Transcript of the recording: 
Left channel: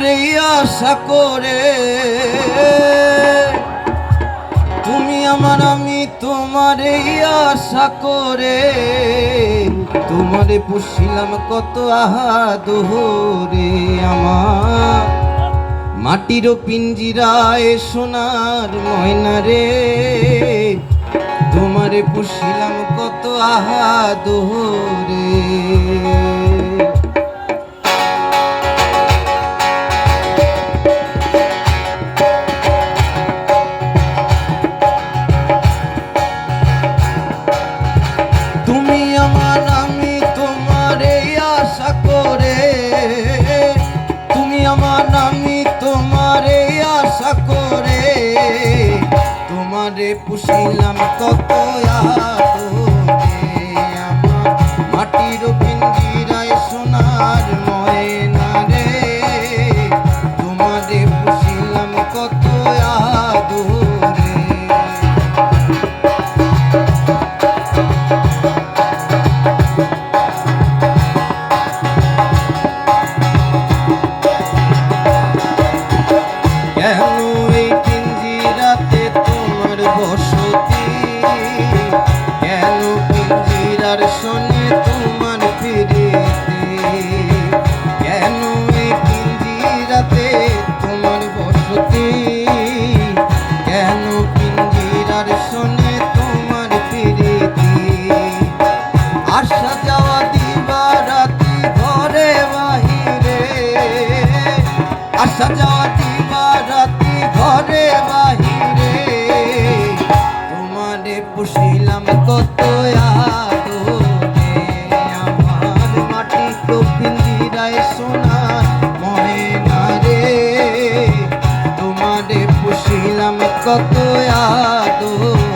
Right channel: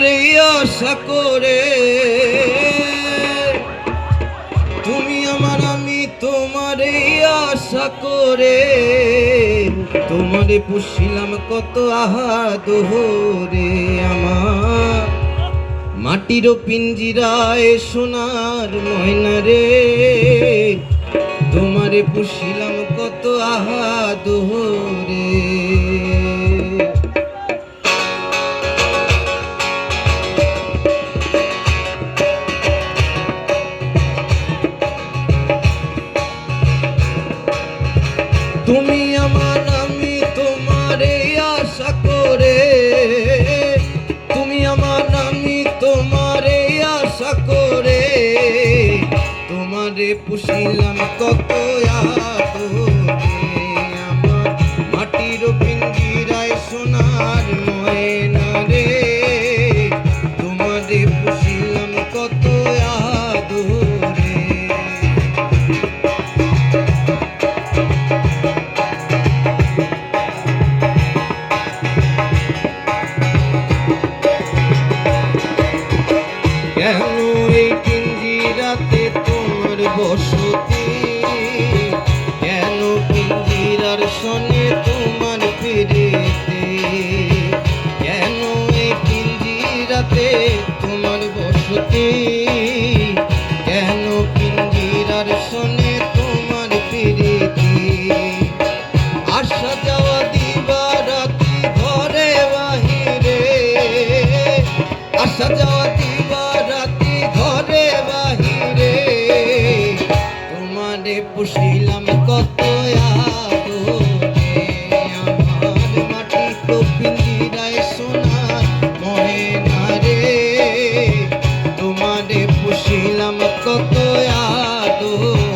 তোমারে আশা করে, তুমি আমার আমি তোমারে আশা করে, তোমারে পুষিলাম কত আহা দোহরে। আমার মাটির পিঞ্জিরায় সোনার ময়না রে, তোমারে পুষিলাম কত আহা দোহরে। তুমি আমার আমি তোমারে আশা করে, তুমি আমার আমি তোমারে আশা করে, তোমারে পুষিলাম কত আদরে। আমার মাটির পিঞ্জিরায় সোনার ময়না রে, তোমারে পুষিলাম কত আদরে। বসতি কেন পিঞ্জিরার সনে তোমার ফিরেতে, কেন এই পিঞ্জিরাতে তোমার বসতি, কেন পিঞ্জিরার সনে তোমার ফিরেতে। আসা যাওয়া দিবা রাতি ঘরে বাহিরে, আসা যাওয়া দিবা রাতি ঘরে বাহিরে, পুষিলাম কত আদরে। আমার মাটি তো পিঞ্জিরায় সোনার ময়না রে, তোমারে পুষিলাম কত আদরে।